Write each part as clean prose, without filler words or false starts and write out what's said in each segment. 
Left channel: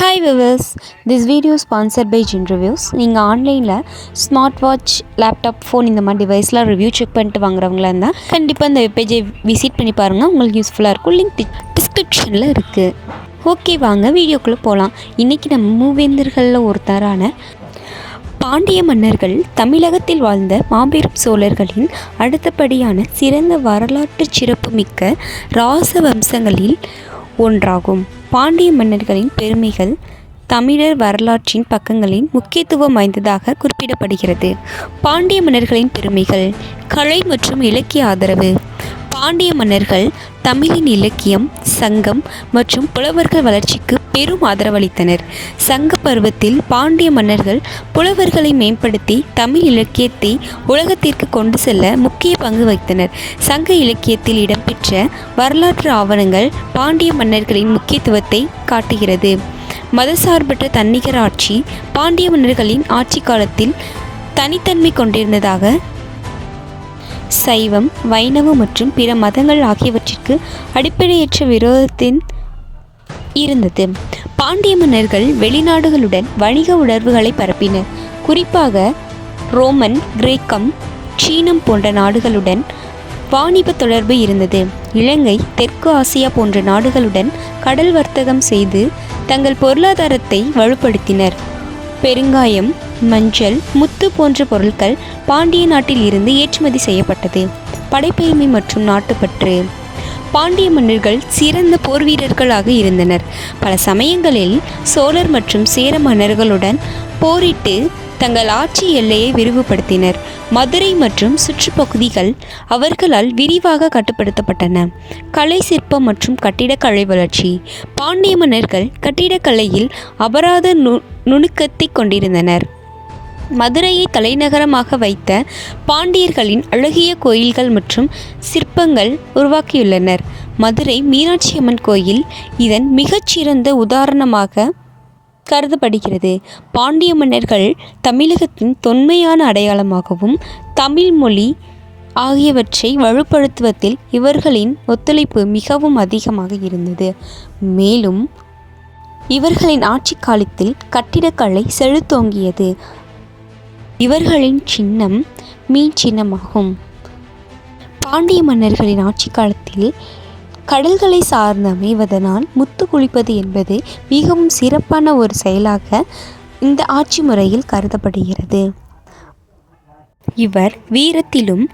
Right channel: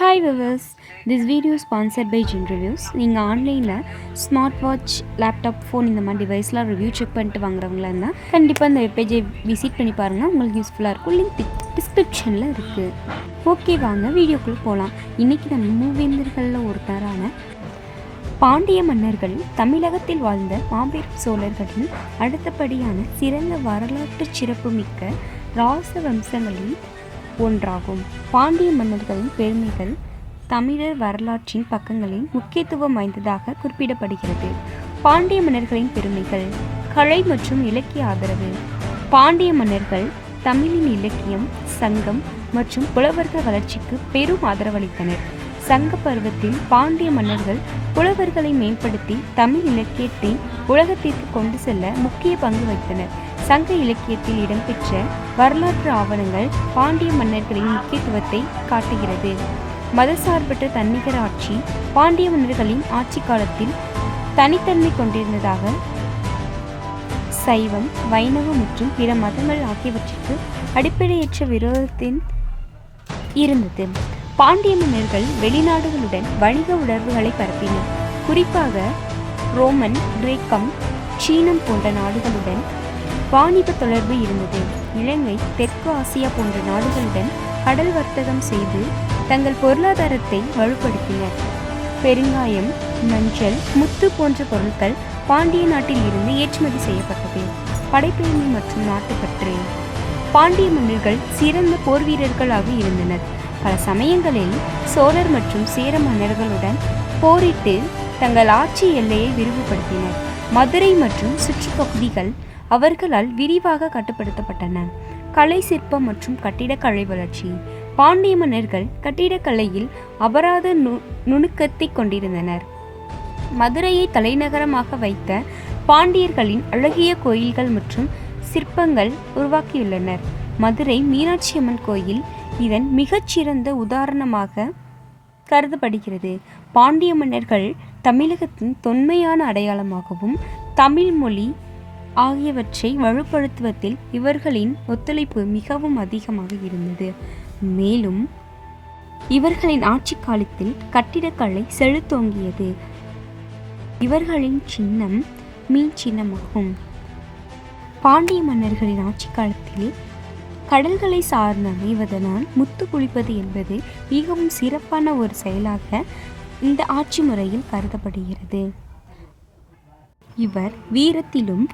Hi viewers, this video sponsored by Jin Reviews. நீங்கள் ஆன்லைனில் smart watch, laptop, phone இந்த மாதிரி டிவைஸ்லாம் ரிவ்யூ செக் பண்ணிட்டு வாங்குறவங்களா இருந்தால் கண்டிப்பாக இந்த வெப்பேஜை விசிட் பண்ணி பாருங்கள். உங்களுக்கு யூஸ்ஃபுல்லாக இருக்கும். லிங்க் டிஸ்கிரிப்ஷனில் இருக்குது. ஓகே, வாங்க வீடியோக்குள்ளே போகலாம். இன்றைக்கி நம்ம மூவேந்தர்களில் ஒருத்தரான பாண்டிய மன்னர்கள் தமிழகத்தில் வாழ்ந்த மாபெரும் சோழர்களின் அடுத்தபடியான சிறந்த வரலாற்று சிறப்புமிக்க ராச வம்சங்களில் ஒன்றாகும். பாண்டிய மன்னர்களின் பெருமைகள் தமிழர் வரலாற்றின் பக்கங்களின் முக்கியத்துவம் வாய்ந்ததாக குறிப்பிடப்படுகிறது. பாண்டிய மன்னர்களின் பெருமைகள். கலை மற்றும் இலக்கிய ஆதரவு. பாண்டிய மன்னர்கள் தமிழின் இலக்கியம், சங்கம் மற்றும் புலவர்கள் வளர்ச்சிக்கு பெரும் ஆதரவளித்தனர். சங்க பருவத்தில் பாண்டிய மன்னர்கள் புலவர்களை மேம்படுத்தி தமிழ் இலக்கியத்தை உலகத்திற்கு கொண்டு செல்ல முக்கிய பங்கு வகித்தனர். சங்க இலக்கியத்தில் இடம்பெற்ற வரலாற்று ஆவணங்கள் பாண்டிய மன்னர்களின் முக்கியத்துவத்தை காட்டுகிறது. மதசார்பற்ற தன்னிகர் ஆட்சி. பாண்டிய மன்னர்களின் ஆட்சி காலத்தில் தனித்தன்மை கொண்டிருந்ததாக சைவம், வைணவம் மற்றும் பிற மதங்கள் ஆகியவற்றிற்கு அடிப்படையற்ற விரோதத்தின் இருந்தது. பாண்டிய மன்னர்கள் வெளிநாடுகளுடன் வணிக உணர்வுகளை பரப்பினர். குறிப்பாக ரோமன், கிரேக்கம், சீனம் போன்ற நாடுகளுடன் வாணிப தொடர்பு இருந்தது. இலங்கை, தெற்கு ஆசியா போன்ற நாடுகளுடன் கடல் வர்த்தகம் செய்து தங்கள் பொருளாதாரத்தை வலுப்படுத்தினர். பெருங்காயம், மஞ்சள், முத்து போன்ற பொருட்கள் பாண்டிய நாட்டில் இருந்து ஏற்றுமதி செய்யப்பட்டது. படைப்பெருமை மற்றும் நாட்டுப்பற்று. பாண்டிய மன்னர்கள் சிறந்த போர் வீரர்களாக இருந்தனர். பல சமயங்களில் சோழர் மற்றும் சேர மன்னர்களுடன் போரிட்டு தங்கள் ஆட்சி எல்லையை விரிவுபடுத்தினர். மதுரை மற்றும் சுற்றுப்பகுதிகள் அவர்களால் விரிவாக கட்டுப்படுத்தப்பட்டன. கலை, சிற்பம் மற்றும் கட்டிடக்கலை வளர்ச்சி. பாண்டிய மன்னர்கள் கட்டிடக்கலையில் அபராத நுணுக்கத்தை கொண்டிருந்தனர். மதுரையை தலைநகரமாக வைத்த பாண்டியர்களின் அழகிய கோயில்கள் மற்றும் சிற்பங்கள் உருவாக்கியுள்ளனர். மதுரை மீனாட்சி அம்மன் கோயில் இதன் மிகச்சிறந்த உதாரணமாக கருதப்படுகிறது. பாண்டிய மன்னர்கள் தமிழகத்தின் தொன்மையான அடையாளமாகவும் தமிழ் மொழி ஆகியவற்றை வலுப்படுத்துவதில் இவர்களின் ஒத்துழைப்பு மிகவும் அதிகமாக இருந்தது. மேலும் இவர்களின் ஆட்சி காலத்தில் கட்டிடக்கலை செழுத்தோங்கியது. இவர்களின் சின்னம் மீன் சின்னமாகும். பாண்டிய மன்னர்களின் ஆட்சி காலத்தில் கடல்களை சார்ந்து அமைவதனால் முத்து குளிப்பது என்பது மிகவும் சிறப்பான ஒரு செயலாக இந்த ஆட்சி முறையில் கருதப்படுகிறது. இவர் வீரத்திலும்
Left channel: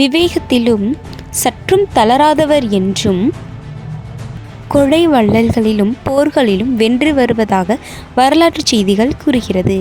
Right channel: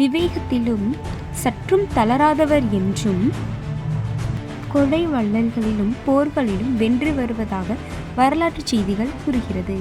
விவேகத்திலும் சற்றும் தளராதவர் என்றும் கொடை வள்ளல்களிலும் போர்களிலும் வென்று வருவதாக வரலாற்று செய்திகள் கூறுகிறது.